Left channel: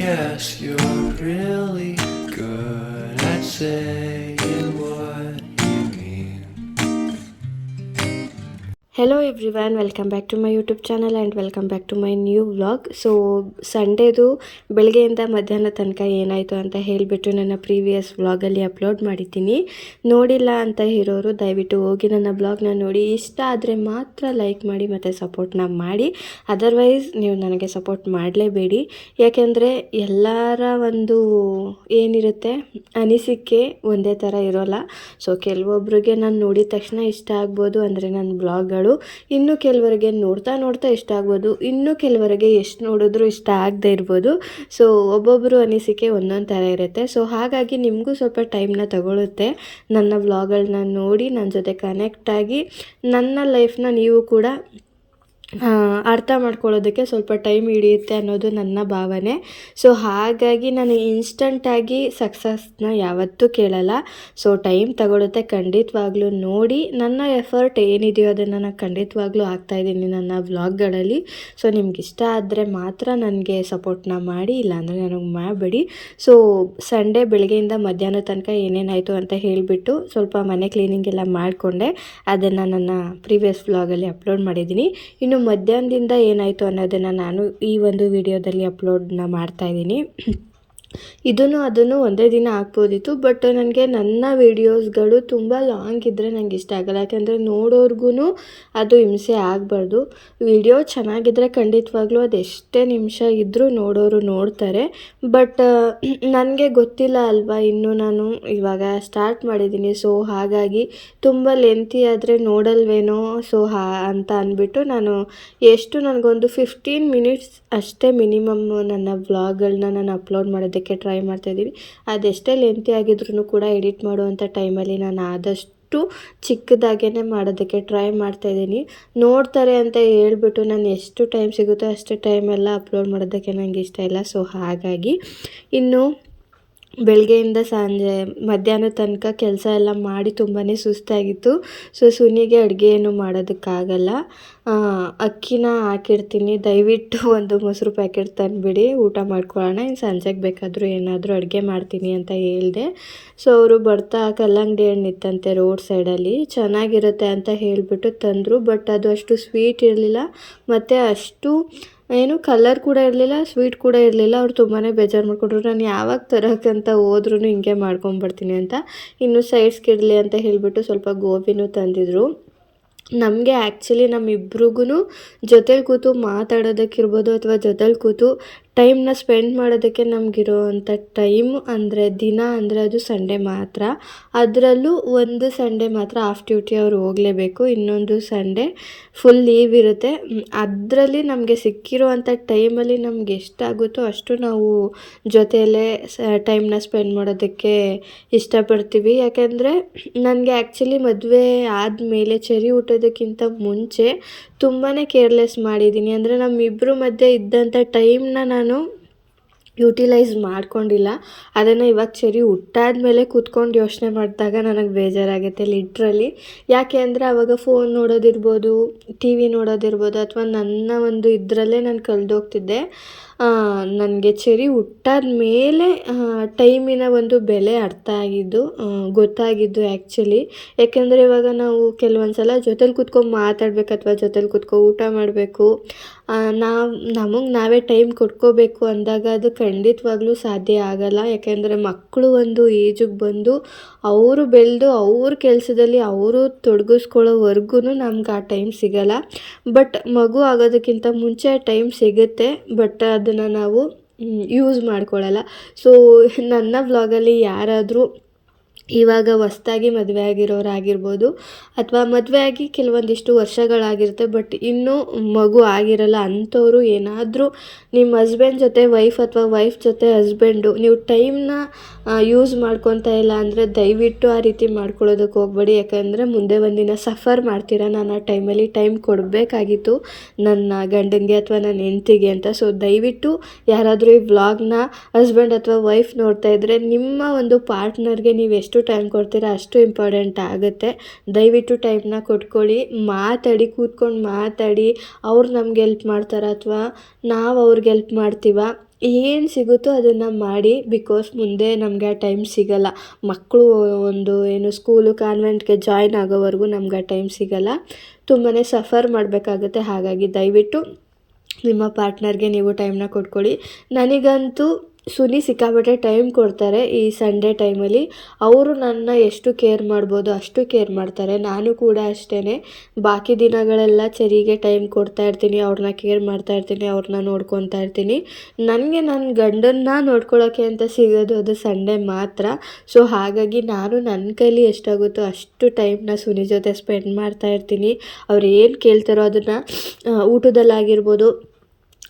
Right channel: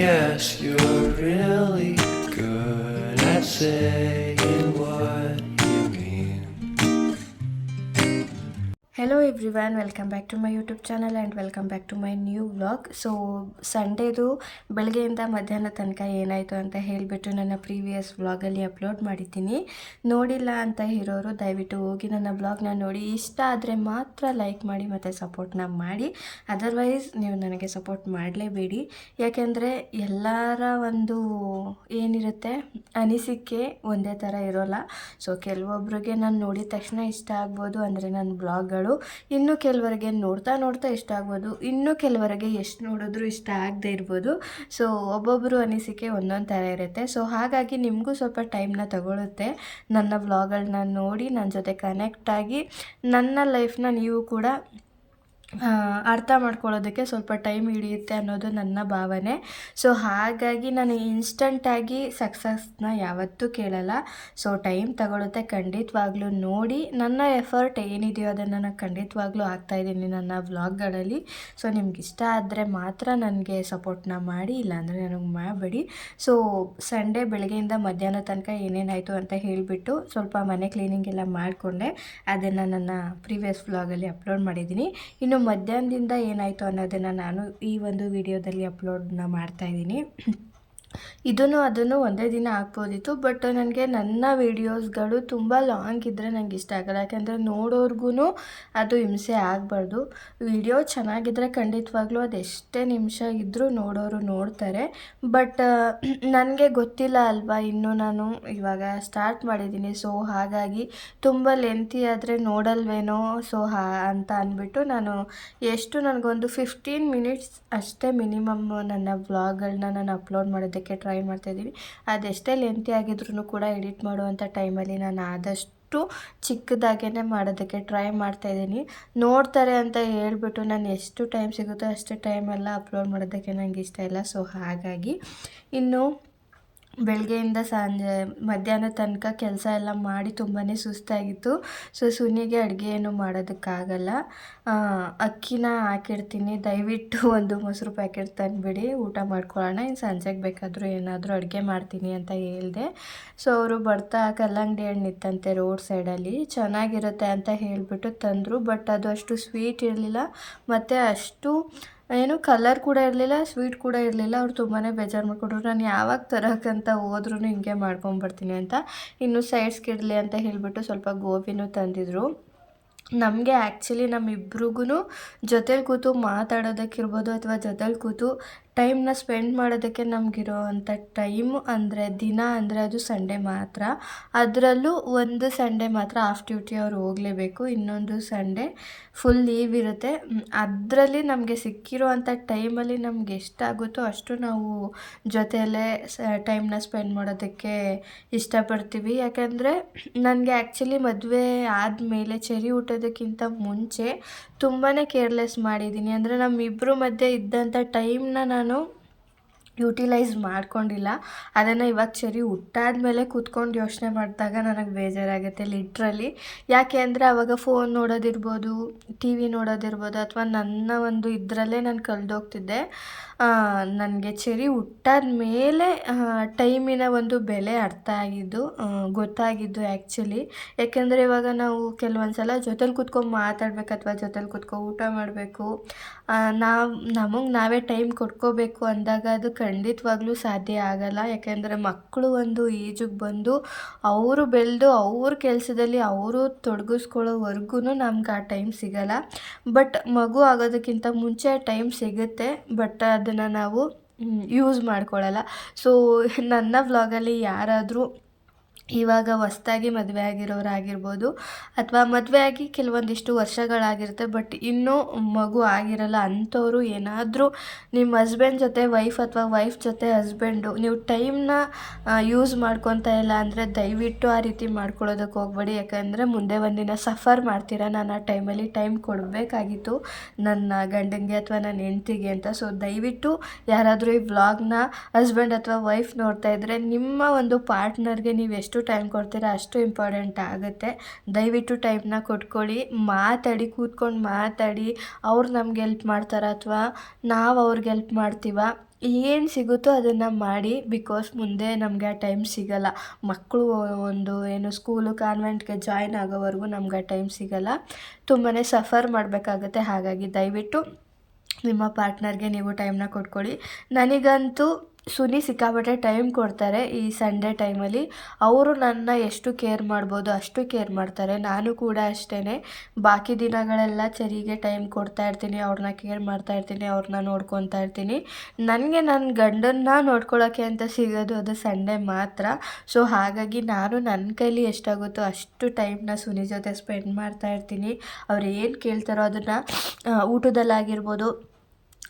Yes, you're really good at saying. Hello everyone welcome back to my YouTube channel and welcome back to my new vlog so ಸಂಡೇದು ಬೆಳಗ್ಗೆಯಿಂದ ಮಧ್ಯಾಹ್ನ ತನಕ ಏನಾಯಿತು ಅಂತ ಹೇಳಿಬಿಟ್ಟು ನನ್ನ previous ವ್ಲಾಗಲ್ಲಿ ಅಪ್ಲೋಡ್ ಮಾಡಿದ್ದೀನಿ. ನೋಡಿಲ್ಲ ಅಂತ ಇರೋರು ದಯವಿಟ್ಟು ಹೋಗಿ ನನ್ನ ಬ್ಲಾಗ್ನ ನೋಡಿ. ಇಷ್ಟ ಆದರೆ ಮಾತ್ರ ಲೈಕ್ ಮಾಡಿ ಮತ್ತು ಸಪೋರ್ಟ್ನ ಮಾಡಿ. ಅದರ್ವೈಸ್ ನೀವು ನನಗೆ ಸಪೋರ್ಟ್ ಮಾಡಲೇಬೇಡಿ. ಯಾಕೆಂದರೆ ಎಲ್ಲರ ಒಂದು ಏನಿರುತ್ತೆ? ಅನಿಸಿಕೆ ಒಂದೇ ಥರ ಇರೋಲ್ಲ. ಸೊ ಕೆಲವೊಬ್ಬರಿಗೆ ನಾನು ನೋಡಿದ ತಕ್ಷಣ ಇಷ್ಟ ಆಗ್ಬೋದು ಅಂದರೆ ನನ್ನ ಬ್ಲಾಗ್ಗಳು ಇನ್ನು ಕೆಲವರಿಗೆ ನೋಡ್ತಾ ನೋಡ್ತಾ ಇಷ್ಟ ಆಗ್ಬೋದು. ಇನ್ನು ಕೆಲವರಿಗೆ ಎಷ್ಟು ನೋಡಿದ್ರೂ ಇಷ್ಟ ಆಗದೆ ಇರ್ಬೋದು. ಸೊ ಒಬ್ಬೊಬ್ಬರು ಅನಿಸಿಕೆ ಒಂದೊಂದು ಥರ ಇರುತ್ತೆ. ಸೊ ಹಾಗಾಗಿ ನಿಮಗೂ ಸ್ವಲ್ಪ ಟೈಮ್ನ ತಗೊಳುತ್ತೆ. ನನ್ನ ವ್ಲಾಗ್ಗಳನ್ನ ನೋಡಿ ನನ್ನ ಜೊತೆ ಕನೆಕ್ಟ್ ಆಗಿ ನನ್ನ ಲೈಫ್ನ ನೀವು ಕೂಡ ಅರ್ಥ ಮಾಡ್ಕೊಳ್ಳೋದಕ್ಕೆ ಸ್ವಲ್ಪ ಟೈಮ್ ಹಿಡಿಯುತ್ತೆ ಅನ್ನೋದು ನನ್ನ ಭಾವನೆ. ಸೊ ಹಾಗಾಗಿ ನಾನು ಇನ್ಸ್ಟಂಟಾಗಿ ಸಕ್ಸಸ್ನ ಯಾವತ್ತೂ ಕೇಳಲ್ಲ. ಸೊ ಟೈಮ್ ತಗೊಳುತ್ತೆ ಖಂಡಿತವಾಗ್ಲೂ ನೋಡಿ. ನನ್ನ ಎಫರ್ಟ್ ಏನಿದೆಯೋ ಅದನ್ನು ನಾನು ಖಂಡಿತವಾಗ್ಲೂ ಹಾಕ್ತಾಯಿದ್ದೀನಿ ನನ್ನ ವ್ಲಾಗ್ಗಳಲ್ಲಿ ಸೊ ನಿಮ್ಗೆ ಇಷ್ಟ ಆದರೆ ಮಾತ್ರ ನನಗೆ ಸಪೋರ್ಟ್ನ ಮಾಡಿ, ಇಲ್ಲಾಂದರೆ ನನಗೆ ಮಾಡಬೇಡಿ. ಸೊ ಸಂಡೇ ಬೆಳಗ್ಗೆಯಿಂದ ಮಧ್ಯಾಹ್ನ ತನಕ ಏನೇನಾಯಿತು ಅಂತ ಹೇಳಿಬಿಟ್ಟು ಸ್ವಲ್ಪ ಮನೆ ಕ್ಲೀನಿಂಗ್ ಎಲ್ಲ ಮಾಡಿಕೊಂಡೆ. ಅದನ್ನು ನನ್ನ ಪ್ರೀವಿಯಸ್ ವ್ಲಾಗಲ್ಲಿ ಅಪ್ಲೋಡ್ ಮಾಡಿದ್ದೀನಿ. ಇನ್ನು ಮಧ್ಯಾಹ್ನದಿಂದ ಏನಾಯಿತು ಅನ್ನೋದನ್ನು ನಾನು ಈ ಒಂದು ವಿಡಿಯೋದಲ್ಲಿ ಅಪ್ಲೋಡ್ನ ಮಾಡ್ತಾಯಿದ್ದೀನಿ ಇದನ್ನು ಅದನ್ನು ಒಂದೇ ದಿನ ಹಾಕ್ಬೋದಿತ್ತು ಬಟ್ ನನಗೆ ನನ್ನ ವೀಡಿಯೋಸ್ಗಳು ತುಂಬ ಲಾಂಗ್ ಇದ್ದರೆ ನನಗೆ ಇಷ್ಟ ಆಗಲ್ಲ. ಯಾಕೆಂದರೆ ನೋಡೋರ್ಗೂ ಅದು ಹಿಂಸೆ ಆಗಬಾರ್ದು. ವಿಡಿಯೋ ಚೆನ್ನಾಗಿದ್ದರೆ ಖಂಡಿತವಾಗ್ಲೂ ಅದು ಎಷ್ಟೇ ನಿಮಿಷ ಇದ್ದರೂ ನೋಡೋರು ನೋಡ್ತಾರೆ. ಬಟ್ ನನಗೆ ಗೊತ್ತಿಲ್ಲ ಅಲ್ವಾ, ಇನ್ನು ನಾನು ಇವಾಗ ಸ್ಟಾರ್ಟ್ ಮಾಡಿದ್ದೀನಿ. ಸೊ ಹಾಗಾಗಿ ತುಂಬ ಲೆಂತಿ ಆದರೆ ನೋಡಲ್ವೇನೋ ಸೊ ಹಾ, ಅಂತ ಅಂದ್ಬಿಟ್ಟು ನಾನು ಎಷ್ಟು ನನಗೊಂದು ಫಿಫ್ಟೀನ್ ಮಿನಿಟ್ಸ್ ಅಷ್ಟೇ ಮಿನಿಮಮ್ ನನ್ನ ವ್ಲಾಗ್ಗಳನ್ನ ನಾನು ಅಪ್ಲೋಡ್ ಮಾಡೋದಕ್ಕೆ ಟ್ರೈ ಮಾಡ್ತಾಯಿದ್ದೀವಿ ಅದೆಷ್ಟೇ ಲೆಂತಿ ಆಗಿದ್ರೂ ಕೂಡ ಎಡಿಟ್ ಮಾಡುವಂಥ ಟೈಮಲ್ಲಿ ನಾನು ಆದಷ್ಟು ಚಿಕ್ಕದಾಗೇ ಮಾಡೋದಕ್ಕೆ ಟ್ರೈ ಮಾಡ್ತಾಯಿದ್ದೀನಿ ನೋಡ್ತಾರೆ ಅಂತ ಹೇಳ್ಬಿಟ್ಟು ನಾನು ಎಷ್ಟು ಟೈಮ್ ಸಿಗುತ್ತೋ ಅಷ್ಟು ಟೈಮೆಲ್ಲ ಅಪ್ಲೋಡ್ ಮಾಡೋದಕ್ಕೆ ನನಗೆ ಇಷ್ಟ ಇಲ್ಲ. ಸೊ ಹಾಗಾಗಿ ಇನ್ನು ಬೆಳಗ್ಗೆಯಿಂದ ಸಂಜೆ, ಮಧ್ಯಾಹ್ನ ತನಕ ಕೆಲಸ ಎಲ್ಲ ಮಾಡಿ ತುಂಬಾ ಸುಸ್ತಾಗಿತ್ತು. ಸೊ ಸುನಿಗೆ ಅಡುಗೆ ಏನು ಮಾಡೋದಕ್ಕಾಗಲ್ಲ ಅಕ್ಕಿನ ಹಾಕಿರ್ತೀನಿ ದಯವಿಟ್ಟು ಒಂದು ಮೊಸರು ಪ್ಯಾಕೆಟ್ ತಂದುಬಿಡಿ, ಊಟ ಮಾಡ್ಕೊಳ್ಳೋಣ. ಇನ್ನು ಸಂಜೆಗೆ ಬೇಕಾದರೂ ಏನಾದರೂ ಅಡುಗೆ ಮಾಡ್ತೀನಿ ಅಂತ ಹೇಳಿದೆ. ಸೊ ಅವರು ಬರ್ತಾ ಕಲ್ಲಂಗಡಿ ಹಣ್ಣು ಇತ್ತಂತೆ ರೋಡ್ ಸೈಡಲ್ಲಿ. ಚೆನ್ನಾಗಿರುತ್ತೆ ಅಂತ ಹೇಳಿಬಿಟ್ಟು ತಂದರು, ಬಟ್ ಅದು ಅಷ್ಟು ಸ್ವೀಟ್ ಇರಲಿಲ್ಲ. ಮತ್ತು ಅಷ್ಟು ಏನು ಕಲರ್ ಕೂಡ ಇರಲಿಲ್ಲ ಸ್ವೀಟ್ ಕೂಡ ಇರಲಿಲ್ಲ. ಅವ್ರು ತುಂಬಾ ಬೇಜಾರು ಮಾಡಿಕೊಟ್ರು ನಾನು ಯಾವಾಗ ತರೋಕ್ಕಂತ ಹೋದ್ರೂ ಹಿಂಗೆ ಮಾಡ್ಕೊಂಬರ್ತೀನಿ ಅಂತ. ಇನ್ನು ಸೈಡ್ಸ್ಗೆ ಇಡಲಿ ಅಂತ ಹೇಳಿಬಿಟ್ಟು ಸ್ವಲ್ಪ ಗೋಬಿನೂ ತಂದಿದ್ರು. ನಮಗೆ ಆ್ಯಕ್ಚುಲಿ ನಮ್ಮಿಬ್ರಿಗೂ ಜೊತೇಲಿ ಕೂತು ಮಾತಾಡೋದಕ್ಕಿರ್ಬೋದು ಅಥವಾ ಜೊತೇಲಿ ಕೂತು ಟೈಮ್ನ ಸ್ಪೆಂಡ್ ಮಾಡೋದಕ್ಕೆ ನಮಗಿರುವಂಥ ಟೈಮ್ ಅಂದರೆ ದಿನ ಅಂದರೆ ಅದು ಸಂಡೇ ಮಾತ್ರ. ಅದರಲ್ಲೂ ಒಂದು ಸಂಡೇ ಮಾತ್ರ ಆಫ್ ಡ್ಯೂಟಿ ಅವ್ರು ಹೋಗಲೇಬೇಕು. ಇನ್ನೊಂದು ಸಂಡೇ ಫುಲ್ ಲೀವ್ ಇರುತ್ತೆ. ಅದರಲ್ಲಿ ನಮಗೆ ಸಿಕ್ಕಿರುವಂಥ ಟೈಮಲ್ಲಿ ನಮ್ಗೆ ಎಷ್ಟಾಗುತ್ತೋ ಅಷ್ಟು ನಾವು ಜೊತೆಯಲ್ಲೇ ಸ, ಟೈಮ್ನ ಸ್ಪೆಂಡ್ ಮಾಡೋದಕ್ಕೆ ಇಷ್ಟಪಡ್ತೀವಿ. ಯಾಕೆಂದರೆ ನನಗೆ ಆ್ಯಕ್ಚುಲಿ ಮದುವೆ ಆದಮೇಲೆ ಚೆರಿ ಹುಟ್ಟೋದಕ್ಕಿಂತ ಮುಂಚೆ ತುಂಬಾ ಕೇರ್ಲೆಸ್ ಮಾಡಿದ್ದೀನಿ. ಅಂದರೆ ನಮ್ಮಿಬ್ಬರು ಮಧ್ಯೆ ಇದ್ದಂಥ ಟೈಮ್ನ ನಾನು ಯುಟಿಲೈಸ್ ಮಾಡ್ಕೊಂಡಿಲ್ಲ. ಅದನ್ನು ಇವಾಗ ಚೆರಿ ಹುಟ್ಟಾದ ಮೇಲೆ ಕೂತ್ಕೊಂಡು ಯೋಚನೆ ಮಾಡಿದಾಗ ನನಗೆ ಬೇಜಾರಾಗುತ್ತೆ ಲಿಟ್ರಲಿ ಯಾಕೆ ಅಂದರೆ ಆವಾಗ ಫೋನ್ ನೋಡೋದಿರ್ಬೋದು ಟಿ ವಿ ನೋಡೋದಿರ್ಬೋದು, ಅಥವಾ ನನ್ನ ಒಂದು ಇದರಲ್ಲೇ ನಾನು ಕಳೆದೋಗ್ತಿದ್ದೆ. ನನಗೆ ಚೆರಿ ಹುಟ್ಟಾದ ಮೇಲೆ ಟೈಮಿನ ಒಂದು ಬೆಲೆ ಅರ್ಥ ಆಗಿದ್ದು ಗೊತ್ತಾಗಿದ್ದು ಆ್ಯಕ್ಚುಲಿ ಯಾಕೆಂದರೆ ಇವಾಗ ನಾವು ಕೆಲವೊಂದು ಸಲ ಜೊತೇಲಿ ಕೂತ್ಕೊಂಡು ಮಾತಾಡ್ಬೇಕು ಅಥವಾ ಜೊತೇಲಿ ಕೂತ್ಕೊ ಊಟ ಮಾಡಬೇಕು ನಾವು, ನಮಗೆ ನಾವೇ ಟೈಮ್ ಕೊಟ್ಕೋಬೇಕು ಅಂದಾಗ ಅದು ಖಂಡಿತವಾಗ್ಲೂ ಸಾಧ್ಯ ಆಗಲ್ಲ. ಯಾಕೆಂದರೆ ಮಕ್ಕಳು ಒಂದು ಏಜಿಗೆ ಬಂದು ಅವರು ಬೆಳೆದು ಅವ್ರ ಕೆಲಸದಲ್ಲಿ ಅವರು ತೊಡಗಿಸ್ಕೊಳ್ಳೋವರೆಗೂ ನಮ್ಗೆ ಆ ಟೈಮ್ ಸಿಗಲ್ಲ. ಬಟ್ ಮಗು ಆಗೋದಕ್ಕಿಂತ ಮುಂಚೆ ಟೈಮ್ ಸಿಗುತ್ತೆ, ಬಟ್ ಅದನ್ನು ನಾವು ಯೂಸ್ ಮಾಡ್ಕೊಳ್ಳಲ್ಲ ಸೊ ನನ್ನ ವ್ಲಾಗಲ್ಲಿ ಯಾರಾದರೂ ಇವಾಗ ಹೊಸ್ದಾಗಿ ಮದುವೆ ಆಗಿರೋರಾಗಿರ್ಬೋದು ಅಥವಾ ಮದುವೆ ಆಗಿ ಕೆಲವೊಂದಿಷ್ಟು ವರ್ಷಗಳಾಗಿರುತ್ತೆ, ಬಟ್ ಇನ್ನೂ ಮಗು ಆಗಿರಲ್ಲ ಅಂಥವ್ರು ಏನಾದರೂ ನಿಮ್ಮ ಹಸ್ಬೆಂಡ್ ಜೊತೆ ವೈಫ್ ಅಥವಾ ವೈಫ್ ಜೊತೆ ಹಸ್ಬೆಂಡು ನೀವು ಟೈಮ್ನ ಯೂಸ್ ಮಾಡ್ಕೊತಾ ಇಲ್ಲ ಅಂದರೆ ದಯವಿಟ್ಟು ಆ ರೀತಿ ಮಾಡ್ಕೊಳ್ಳೋದಕ್ಕೆ ಹೋಗ್ಬೇಡಿ. ಯಾಕಂದರೆ ಮುಂದೆ ಒಂದಿನ ಸಫರ್ ಮಾಡ್ತೀರಾ? ನಾನು ಆ ಟೈಮಲ್ಲಿ ಟೈಮ್ ಕೊಡಬೇಕಾಗಿತ್ತು ನನ್ನ ಗಂಡನಿಗೆ ಅಥವಾ ನನ್ನ ಹೆಂಡ್ತಿಗೆ ಅಂತ. ಸೊ ದಯವಿಟ್ಟು ಯಾರಾದರೂ ಈ ವ್ಲಾಗ್ನ ಹಸ್ಬೆಂಡ್ ಅಥವಾ ವೈಫ್ ನೋಡ್ತಾ ಇದ್ದರೆ ನಿಮ್ಮ ಒಂದು ಪಾರ್ಟ್ನರ್ಗೆ ನೀವು ಎಷ್ಟು ಟೈಮ್ ಕೊಡ್ತೀರ, ಅಷ್ಟು ಇಂಪಾರ್ಟೆಂಟ್ ಆಗುತ್ತೆ. ದಯವಿಟ್ಟು ಟೈಮ್ನ ಕೊಟ್ಕೊಳ್ಳಿ, ಮಾತಾಡಿ, ಕೂತ್ಕೊಂಡು ಮಾತಾಡಿ, ಅವ್ರು ನಮ್ಗೆ ಹೆಲ್ಪ್ ಮಾಡ್ತಾರ ಅಥವಾ ನಾವು ಅವ್ರಿಗೆ ಹೆಲ್ಪ್ ಮಾಡ್ತೀವ, ಏನು ಸಿಗುತ್ತೋ ಅದನ್ನು ಮಾಡಿ ಬಿಕಾಸ್ ಮುಂದೆ ನಮಗೆ ಆ ಟೈಮ್ ಸಿಗಲ್ಲ. ಮಕ್ಕಳು ಒಂದು ಏನು ಸ್ಕೂಲು ಕಾನ್ವೆಂಟ್ಗೆ ಜಾಯ್ನ್ ಆಗೋವರೆಗೂ ನಮ್ಗೆ ಆ ಟೈಮ್ ಸಿಗಲ್ಲ. ತುಂಬಾ ಸಫರ್ ಮಾಡಬೇಕಾಗುತ್ತೆ, ಹಾಗಾಗಿ ದಯವಿಟ್ಟು ನಿಮ್ಮ ಪಾರ್ಟ್ನರ್ಗೆ ನೀವು ಟೈಮ್ನ ಕೊಟ್ಕೊಳ್ಳಿ. ನನಗಂತೂ ಸುನಿ ಸಿಕ್ಕಾಪಟ್ಟೆ ಟೈಮ್ ಕೊಡ್ತಾರೆ ಈ ಸಂಡೇ ಟೈಮಲ್ಲಿ ಅವರು ನನ್ನ ಎಷ್ಟು ಕೇರ್ ಮಾಡ್ಬೋದು ಅಷ್ಟು ಕೇರ್ ಮಾಡ್ತಾರೆ. ನಾನು ಕೂಡ ಅಷ್ಟೇ ಬಾಕಿ ದಿನಗಳೆಲ್ಲ ಚರಿಗೆ ಟೈಮ್ ಕೊಡ್ತಾ ಇರ್ತೀನಿ. ಅವ್ರನ್ನ ಕೇರ್ ಮಾಡ್ತಾ ಇರ್ತೀನಿ. ಅವ್ರನ್ನ ನೋಡ್ಕೊತಾ ಇರ್ತೀನಿ. ನನಗೆ ನನ್ನ ಗಂಡನ್ನ ನೋಡ್ಕೊಳ್ಳೋಕ್ಕೆ ಅಂತ ಸಿಗೋದು ಅದು ಸಂಡೇ ಮಾತ್ರ. ಸೊ ಹಾಗಾಗಿ ನಾನು ನನ್ನ ಕೈಲಿ ಎಷ್ಟಾಗುತ್ತೋ ಅಷ್ಟು ಟೈಮ್ನ ಸುನಿ ಜೊತೆ ಸ್ಪೆಂಡ್ ಮಾಡ್ತಾ ಇರ್ತೀನಿ. ಅವ್ರು ಏನು ಕೇಳ್ತಾರೋ ಅದನ್ನು ಊಟದಲ್ಲಾಗಿರ್ಬೋದು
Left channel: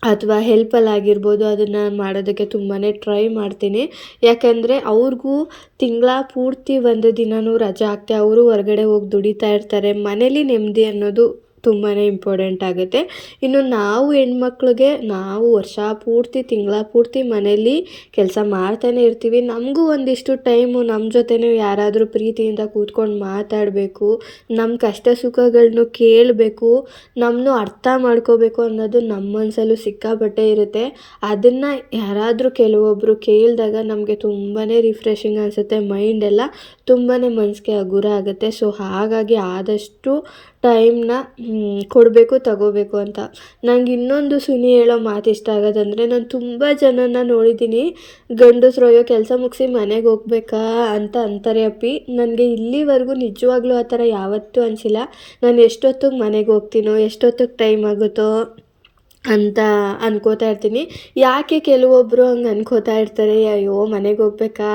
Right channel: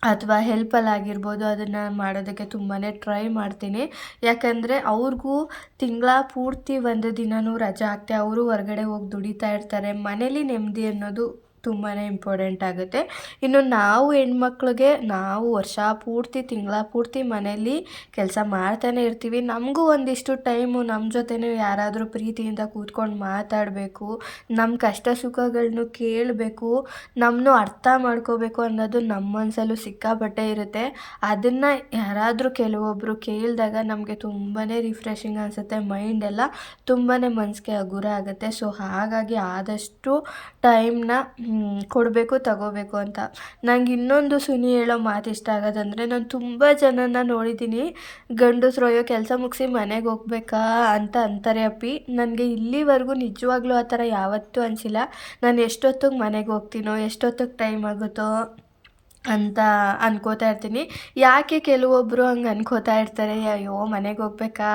ಅಥವಾ ಹೆಲ್ಪಲ್ಲಾಗಿರ್ಬೋದು ಅದನ್ನು ಮಾಡೋದಕ್ಕೆ ತುಂಬಾ ಟ್ರೈ ಮಾಡ್ತೀನಿ. ಯಾಕಂದರೆ ಅವ್ರಿಗೂ ತಿಂಗಳ ಪೂರ್ತಿ ಒಂದು ದಿನವೂ ರಜೆ ಹಾಕ್ತೆ ಅವರು ಹೊರ್ಗಡೆ ಹೋಗಿ ದುಡಿತಾ ಇರ್ತಾರೆ. ಮನೇಲಿ ನೆಮ್ಮದಿ ಅನ್ನೋದು ತುಂಬಾ ಇಂಪಾರ್ಟೆಂಟ್ ಆಗುತ್ತೆ. ಇನ್ನು ನಾವು ಹೆಣ್ಮಕ್ಳಿಗೆ ನಾವು ವರ್ಷ ಪೂರ್ತಿ, ತಿಂಗಳ ಪೂರ್ತಿ ಮನೇಲಿ ಕೆಲಸ ಮಾಡ್ತಾನೆ ಇರ್ತೀವಿ. ನಮಗೂ ಒಂದಿಷ್ಟು ಟೈಮು ನಮ್ಮ ಜೊತೆನೇ ಯಾರಾದರೂ ಪ್ರೀತಿಯಿಂದ ಕೂತ್ಕೊಂಡು ಮಾತಾಡಬೇಕು ನಮ್ಮ ಕಷ್ಟ ಸುಖಗಳನ್ನೂ ಕೇಳಬೇಕು ನಮ್ಮನ್ನು ಅರ್ಥ ಮಾಡ್ಕೋಬೇಕು ಅನ್ನೋದು ನಮ್ಮ ಮನಸ್ಸಲ್ಲೂ ಸಿಕ್ಕಾಪಟ್ಟೆ ಇರುತ್ತೆ. ಅದನ್ನು ಯಾರಾದರೂ ಕೆಲವೊಬ್ಬರು ಕೇಳಿದಾಗ ನಮಗೆ ತುಂಬಾ ರಿಫ್ರೆಶಿಂಗ್ ಅನಿಸುತ್ತೆ. ಮೈಂಡ್ ಎಲ್ಲ ತುಂಬಾ ಮನಸ್ಸಿಗೆ ಹಗುರ ಆಗುತ್ತೆ. ಸೊ ಹಾಗಾಗಿ ಆದಷ್ಟು ಟೈಮ್ನ ಕೊಡಬೇಕು, ತಗೋಬೇಕು ಅಂತ. ನಂಗೆ ಇನ್ನೊಂದು ಸುನಿ ಹೇಳೋ ಮಾತು ಇಷ್ಟ ಆಗೋದಂದರೆ ನಾನು ತುಂಬ ಜನನ ನೋಡಿದ್ದೀನಿ ಗಂಡಸ್ರು ಅಯ್ಯೋ ಕೆಲಸ ಮುಗಿಸಿ ಮನೆಗೆ ಹೋಗ್ಬೇಕಾ ಅಂತ ಅಂತಾರೆ ಅಪ್ಪಿ. ನನಗೆ ಇಲ್ಲಿವರೆಗೂ ನಿಜವಾಗ್ಲೂ ಆ ಥರ ಯಾವತ್ತೂ ಅನಿಸಿಲ್ಲ. ನಾನು ಎಷ್ಟೊತ್ತಿಗೆ ಮನೆಗೆ ಹೋಗ್ತೀನೋ, ಎಷ್ಟೊತ್ತಿಗೆ ಟೈಮ್ ಆಗುತ್ತೋ ಅಂತ ಅನ್ಕೋತಾ ಇರ್ತೀನಿ. ಯಾಕೆ ಕೆಲವೊಬ್ಬರು ಹಂಗೆ ಅನ್ಕೋತಾ ಇರ್ತಾರೆ, ಅಯ್ಯೋ ಮನೆಗೆ ಹೋಗ್ಬೇಕಾ,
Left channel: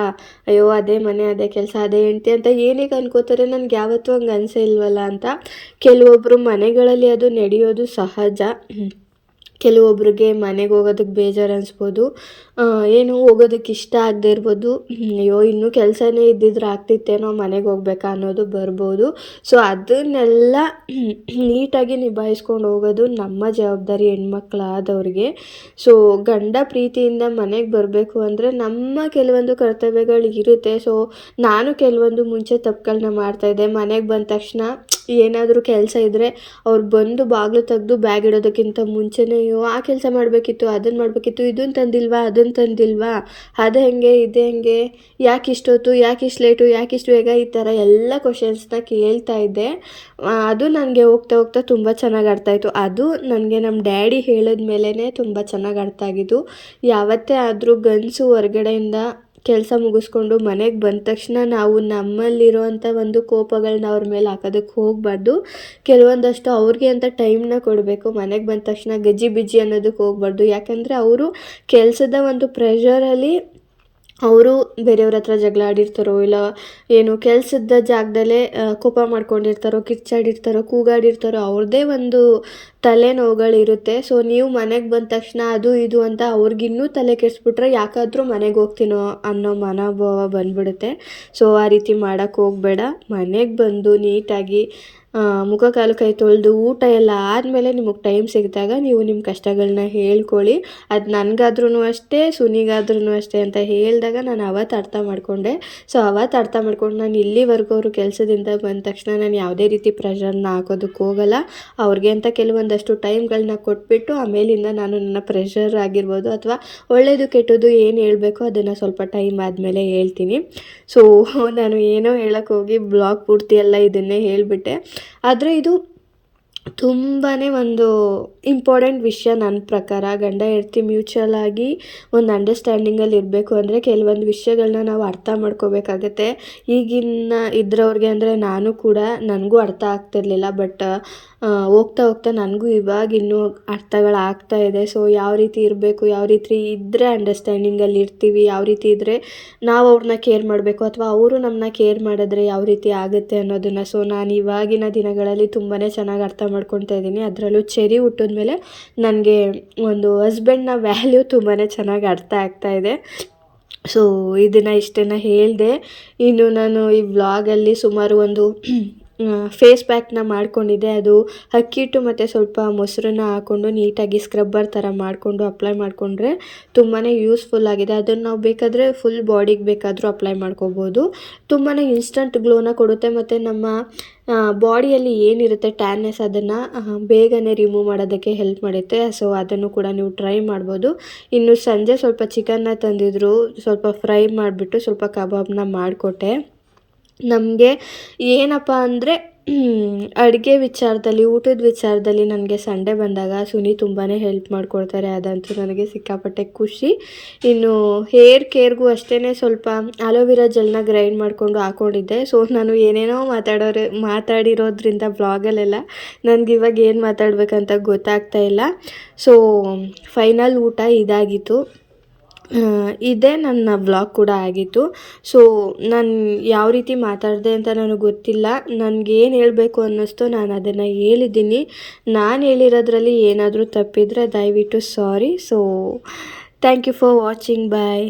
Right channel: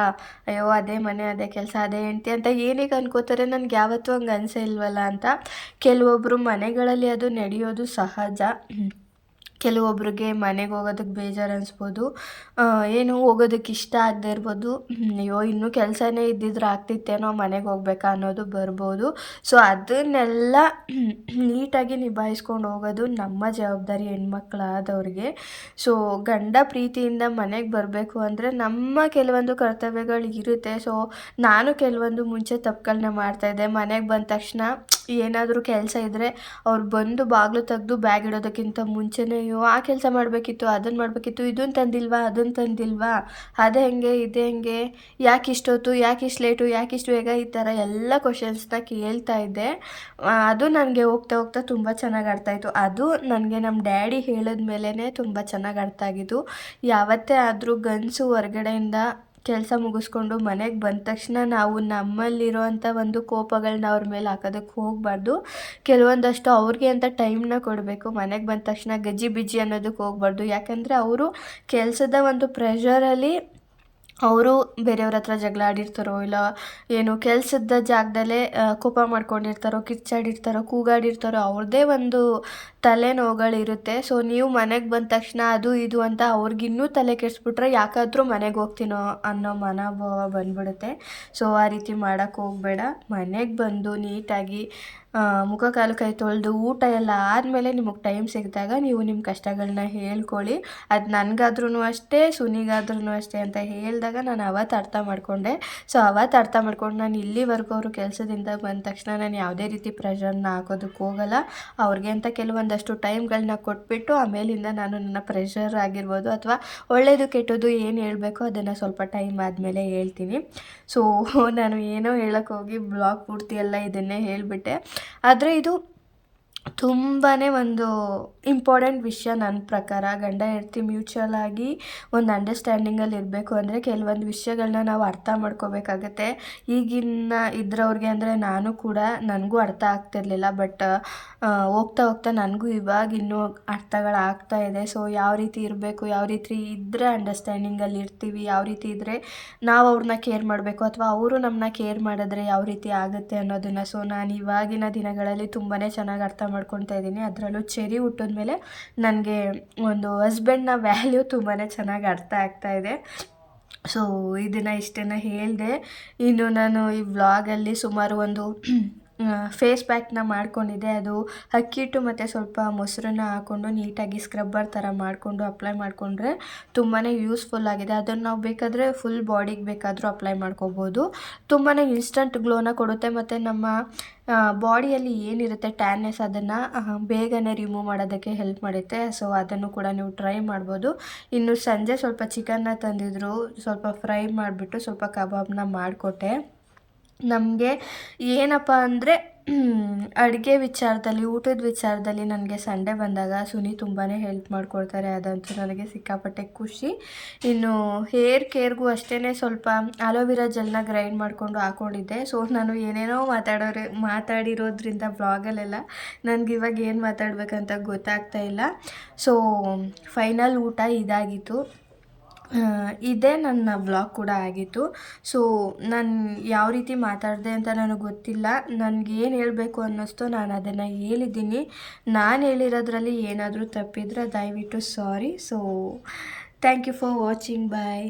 ಅಯ್ಯೋ ಅದೇ ಮನೆ, ಅದೇ ಕೆಲಸ, ಅದೇ ಹೆಂಡ್ತಿ ಅಂತ ಏನಕ್ಕೆ ಅನ್ಕೋತಾರೆ ನನಗೆ ಯಾವತ್ತೂ ಹಂಗೆ ಅನಿಸೇ ಇಲ್ವಲ್ಲ ಅಂತ. ಕೆಲವೊಬ್ಬರು ಮನೆಗಳಲ್ಲಿ ಅದು ನಡೆಯೋದು ಸಹಜ. ಕೆಲವೊಬ್ರಿಗೆ ಮನೆಗೆ ಹೋಗೋದಕ್ಕೆ ಬೇಜಾರು ಅನಿಸ್ಬೋದು. ಏನು ಹೋಗೋದಕ್ಕೆ ಇಷ್ಟ ಆಗದೆ ಇರ್ಬೋದು. ಅಯ್ಯೋ, ಇನ್ನೂ ಕೆಲಸನೇ ಇದ್ದಿದ್ರೆ ಆಗ್ತಿತ್ತೇನೋ ಮನೆಗೆ ಹೋಗ್ಬೇಕಾ ಅನ್ನೋದು ಬರ್ಬೋದು. ಸೊ ಅದನ್ನೆಲ್ಲ ನೀಟಾಗಿ ನಿಭಾಯಿಸ್ಕೊಂಡು ಹೋಗೋದು ನಮ್ಮ ಜವಾಬ್ದಾರಿ ಹೆಣ್ಮಕ್ಳಾದವ್ರಿಗೆ. ಸೊ ಗಂಡ ಪ್ರೀತಿಯಿಂದ ಮನೆಗೆ ಬರಬೇಕು ಅಂದರೆ ನಮ್ಮ ಕೆಲವೊಂದು ಕರ್ತವ್ಯಗಳು ಇರುತ್ತೆ. ಸೊ ನಾನು ಕೆಲವೊಂದು ಮುಂಚೆ ತಪ್ಪುಗಳನ್ನ ಮಾಡ್ತಾಯಿದ್ದೆ ಮನೆಗೆ ಬಂದ ತಕ್ಷಣ ಏನಾದರೂ ಕೆಲಸ ಇದ್ದರೆ ಅವ್ರು ಬಂದು ಬಾಗಿಲು ತೆಗೆದು ಬ್ಯಾಗ್ ಇಡೋದಕ್ಕಿಂತ ಮುಂಚೆನೇ, ಅಯ್ಯೋ, ಆ ಕೆಲಸ ಮಾಡಬೇಕಿತ್ತು ಅದನ್ನು ಮಾಡಬೇಕಿತ್ತು ಇದನ್ನು ತಂದಿಲ್ವಾ ಅದನ್ನು ತಂದಿಲ್ವಾ, ಅದು ಹೆಂಗೆ, ಇದು ಹೆಂಗೆ, ಯಾಕೆ ಇಷ್ಟೊತ್ತು, ಯಾಕೆ ಇಷ್ಟು ಲೇಟು, ಯಾಕೆ ಇಷ್ಟು ಬೇಗ, ಈ ಥರ ಎಲ್ಲ ಕ್ವಶನ್ಸ್ನ ಕೇಳ್ತಾ ಇದ್ದೆ. ಅದು ನನಗೆ ಹೋಗ್ತಾ ಹೋಗ್ತಾ ತುಂಬ ಚೆನ್ನಾಗಿ ಅರ್ಥ ಆಯಿತು. ಅದು ನನಗೆ ನಮ್ಮ ಡ್ಯಾಡಿ ಹೇಳಿದ ಮೇಲೇ ತುಂಬ ಚೆನ್ನಾಗಿ ಅರ್ಥ ಆಗಿದ್ದು. ಯಾವತ್ತೇ ಆದರೂ ಗನ್ಸು ಹೊರ್ಗಡೆಯಿಂದ ಕೆಲಸ ಮುಗಿಸ್ಕೊಂಡು ಮನೆಗೆ ಬಂದ ತಕ್ಷಣ ನಾವು ನಮ್ಮಲ್ಲಿರುವಂಥ ಒಂದು ಕೋಪಗಳನ್ನ ಅವ್ರ ಮೇಲೆ ಹಾಕೋದಕ್ಕೆ ಹೋಗಬಾರ್ದು. ಕೆಲವೊಂದಷ್ಟು ಅವ್ರಿಗೆ ಅಂತ ಟೈಮ್ನ ಕೊಡಬೇಕು. ಮನೆಗೆ ಬಂದ ತಕ್ಷಣ ಗಜ್ಜಿ ಬಿಜ್ಜಿ ಅನ್ನೋದಕ್ಕೆ ಹೋಗಬಾರ್ದು. ಯಾಕಂದರೆ ಅವರು ಕೆಲಸದ ಒಂದು ಪ್ರೆಷರಲ್ಲಿ ಅವರು ಬೇರೆಯವ್ರ ಹತ್ರ ಜಗಳ ಆಡಿರ್ತಾರೋ ಇಲ್ಲ ಏನು ಕೆಲಸದ ಜಾಗದಲ್ಲೇ ಕೋಪ ಮಾಡ್ಕೊಂಡಿರ್ತಾರೋ, ಕಿರ್ಚಾಡಿರ್ತಾರೋ, ಕೂಗಾಡಿರ್ತಾರೋ ಅವ್ರದ್ದೇ ಒಂದು ತಲೆನೋವುಗಳಿರುತ್ತೆ. ಸೊ ನೀವು ಮನೆಗೆ ಬಂದ ತಕ್ಷಣ ಅದು ಇದು ಅಂತ ಅವ್ರಿಗಿನ್ನೂ ತಲೆ ಕೆಡಿಸ್ಬಿಟ್ರೆ ಯಾಕಾದರೂ ಮನೆಗೆ ಹೋಗ್ತೀನೋ ಅನ್ನೋ ಮನೋಭಾವ ಬಂದ್ಬಿಡುತ್ತೆ. ಸೊ ಆ ರೀತಿ ಮಾಡೋಕ್ಕೆ ಹೋಗಬೇಡ. ಮನೆಗೆ ಬಂದು ನೀಟಾಗಿ ಮುಖ ಕಾಲು ಕೈ ತೊಳೆದು ಊಟ ಎಲ್ಲ ಆದಮೇಲೆ ನಿಮಗೆ ಟೈಮ್ ಸಿಕ್ಕಿದಾಗ ನೀವು ನಿಮ್ಮ ಕಷ್ಟಗಳನ್ನ ಹೇಳ್ಕೊಳ್ಳಿ. ಅದು ನನಗಾದ್ರೂ ಅಷ್ಟೇ ಸುನಿಗಾದ್ರೂ ಅಷ್ಟೇ ಅಂತ ಹೇಳಿದಾಗ ನಾನು ಅವತ್ತು ಅರ್ಥ ಮಾಡಿಕೊಂಡೆ. ಸೊ ಅವತ್ತು ಅರ್ಥ ಮಾಡ್ಕೊಂಡು ನಾನು ಇಲ್ಲಿವರೆಗೂ ಅವರು ಕೆಲಸದಿಂದ ಬಂದ ತಕ್ಷಣ ನಾನು ಯಾವುದೇ ರೀತಿ ಪ್ರೆಷರ್ನ ಹಾಕೋದಕ್ಕೆ ಹೋಗಲ್ಲ. ಅವ್ರಿಗೆ ಅಂತ ಕೆಲವೊಂದಷ್ಟು ಟೈಮ್ಗಳನ್ನ ಕೊಟ್ಬಿಟ್ಟು ಆಮೇಲಿಂದ ನಾನು ನನ್ನ ಪ್ರೆಷರ್ ಆಗಿರ್ಬೋದು ಅಥವಾ ಒಳ್ಳೆಯದು ಕೆಟ್ಟದ್ದು ಏನು ಹೇಳಬೇಕು ಅದನ್ನು ಸ್ವಲ್ಪ ಟೈಮ್ ಆದಮೇಲೆ ಹೇಳ್ತೀನಿ. ಸೊ ನಾನು ಏನೋ ಹೇಳೋಕ್ಕೆ ಹೋಗಿ ಬ್ಲಾಗ್ ಪೂರ್ತಿ ಎಲ್ಲ ಇದನ್ನೇ ಹೇಳಿಬಿಟ್ಟೆ. ಆದರೆ ಇದು ತುಂಬಾ ಒಂದು ಇಂಪಾರ್ಟೆಂಟ್ ವಿಷಯ ನನ್ನ ಪ್ರಕಾರ. ಗಂಡ, ಹೆಂಡ್ತಿ ಮ್ಯೂಚುವಲ್ ಆಗಿ ಒಂದು ಅಂಡರ್ಸ್ಟ್ಯಾಂಡಿಂಗಲ್ಲಿ ಇರಬೇಕು ಅಂದರೆ ಕೆಲವೊಂದು ವಿಷಯಗಳನ್ನ ನಾವು ಅರ್ಥ ಮಾಡ್ಕೋಬೇಕಾಗತ್ತೆ. ಈಗಿನ ಇದ್ರವ್ರಿಗೆ ಅಂದರೆ ನಾನು ಕೂಡ ನನಗೂ ಅರ್ಥ ಆಗ್ತಿರ್ಲಿಲ್ಲ ಬಟ್ ಹೋಗ್ತಾ ಹೋಗ್ತಾ ನನಗೂ ಇವಾಗ ಇನ್ನೂ ಅರ್ಥಗಳಾಗ್ತಾ ಇದೆ. ಸೊ ಯಾವ ರೀತಿ ಇರಬೇಕು, ಯಾವ ರೀತಿ ಇದ್ದರೆ ಅಂಡರ್ಸ್ಟ್ಯಾಂಡಿಂಗಲ್ಲಿ ಇರ್ತೀವಿ, ಯಾವ ರೀತಿ ಇದ್ದರೆ ನಾವು ಅವ್ರನ್ನ ಕೇರ್ ಮಾಡಬೇಕು, ಅಥವಾ ಅವರು ನಮ್ಮನ್ನ ಕೇರ್ ಮಾಡಿದ್ರೆ ಯಾವ ರೀತಿ ಆಗುತ್ತೆ ಅನ್ನೋದನ್ನು. ಸೊ ನಾನು ಇವಾಗಿನ ದಿನಗಳಲ್ಲಿ ತುಂಬಾ ಚೆನ್ನಾಗಿ ಅರ್ಥ ಮಾಡ್ಕೊತಾ ಇದ್ದೀನಿ. ಅದರಲ್ಲೂ ಚೆರಿ ಹುಟ್ಟಿದ್ಮೇಲೆ ನನಗೆ ಒಂದು ಹಸ್ಬೆಂಡ್ನ ವ್ಯಾಲ್ಯೂ ತುಂಬಾ ಚೆನ್ನಾಗಿ ಅರ್ಥ ಆಗ್ತಾ ಇದೆ. ಸೊ ಇದನ್ನು ಇಷ್ಟನ್ನು ಹೇಳಿದೆ. ಇನ್ನು ನಾನು ಈ ವ್ಲಾಗಲ್ಲಿ ಸುಮಾರು ಒಂದು ಫೇಸ್ ಪ್ಯಾಕ್ನ ಮಾಡಿಕೊಂಡಿದ್ದೆ. ಅದು ಅಕ್ಕಿ ಹಿಟ್ಟು ಮತ್ತು ಸ್ವಲ್ಪ ಮೊಸರನ್ನ ಹಾಕ್ಕೊಂಡು ನೀಟಾಗಿ ಸ್ಕ್ರಬ್ಬರ್ ಥರ ಮಾಡಿಕೊಂಡು ಅಪ್ಲೈ ಮಾಡಿಕೊಂಡ್ರೆ ತುಂಬಾ ಯೂಸ್ಫುಲ್ ಆಗಿದೆ. ಅದನ್ನು ನಾವು ಬೇಕಾದರೆ ಫುಲ್ ಬಾಡಿಗೆ ಬೇಕಾದರೂ ಅಪ್ಲೈ ಮಾಡ್ಕೋಬೋದು. ತುಂಬಾ ಇನ್ಸ್ಟಂಟ್ ಗ್ಲೋನ ಕೊಡುತ್ತೆ ಮತ್ತು ನಮ್ಮ ಬಾಡಿಯಲ್ಲಿ ಏನಿರುತ್ತೆ ಟ್ಯಾನ್ನೆಸ್ ಅದನ್ನು ಬೇಗನೆ ರಿಮೂವ್ ಮಾಡೋದಕ್ಕೆ ಹೆಲ್ಪ್ ಮಾಡುತ್ತೆ. ಸೊ ಅದನ್ನು ಕೂಡ ನೀವು ಟ್ರೈ ಮಾಡ್ಬೋದು. ಇನ್ನು ಸಂಜೆ ಸ್ವಲ್ಪ ಚಿಕನ್ನ ತಂದಿದ್ರು, ಸ್ವಲ್ಪ ಫ್ರೈ ಮಾಡಿಬಿಟ್ಟು ಸ್ವಲ್ಪ ಕಬಾಬ್ನ ಮಾಡಿಕೊಟ್ಟೆ. ನಮಗೆ ಏನಪ್ಪ ಅಂದರೆ ಅಡುಗೆ ವಿಚಾರದಲ್ಲಿ, ಊಟದ ವಿಚಾರದಲ್ಲಿ ನನಗೆ ಸಂಡೆ ಬಂದಾಗ ಸುನಿ ತುಂಬಾ ಹೆಲ್ಪ್ ಮಾಡಿಕೊಡ್ತಾರೆ. ಅದಂತೂ ನನಗೆ ಸಿಕ್ಕಾಪಟ್ಟೆ ಖುಷಿ. ಇನ್ನು ಹೇರ್ ಕೇರ್ಗೂ ಅಷ್ಟೇ ಸ್ವಲ್ಪ ಅಲೋವೆರಾ ಜೆಲ್ನ ಗ್ರೈಂಡ್ ಮಾಡಿಕೊಂಡು ಹಾಕ್ಕೊಂಡಿದ್ದೆ ಸೊ ನಾನು ಏನೇನೋ ಮಾತಾಡೋರು, ಮಾತಾಡಿರೋದ್ರಿಂದ ಬ್ಲಾಗಲ್ಲೆಲ್ಲ ನನಗೆ ಇವಾಗ ಏನು ಮಾತಾಡಬೇಕಂತ ಗೊತ್ತಾಗ್ತಾ ಇಲ್ಲ. ಸೊ ಫೈನಲ್ ಊಟ ಇದಾಗಿತ್ತು. ಇದೇ ನನ್ನ ವ್ಲಾಗ್ ಕೂಡ ಆಗಿತ್ತು ಸೊ ನಾನು ಯಾವ ರೀತಿ ಮಾತಾಡಿದೆ ಅಂತ ನನಗೆ ಗೊತ್ತಿಲ್ಲ. ನನಗೇನು ಹೇಳಬೇಕು ಅನ್ನಿಸ್ತೋ ನಾನು ಅದನ್ನು ಹೇಳಿದ್ದೀನಿ. ನಾನು ಹೇಳಿರೋದ್ರಲ್ಲಿ ಏನಾದರೂ ತಪ್ಪಿದರೆ ದಯವಿಟ್ಟು sorry so thank you for watching bye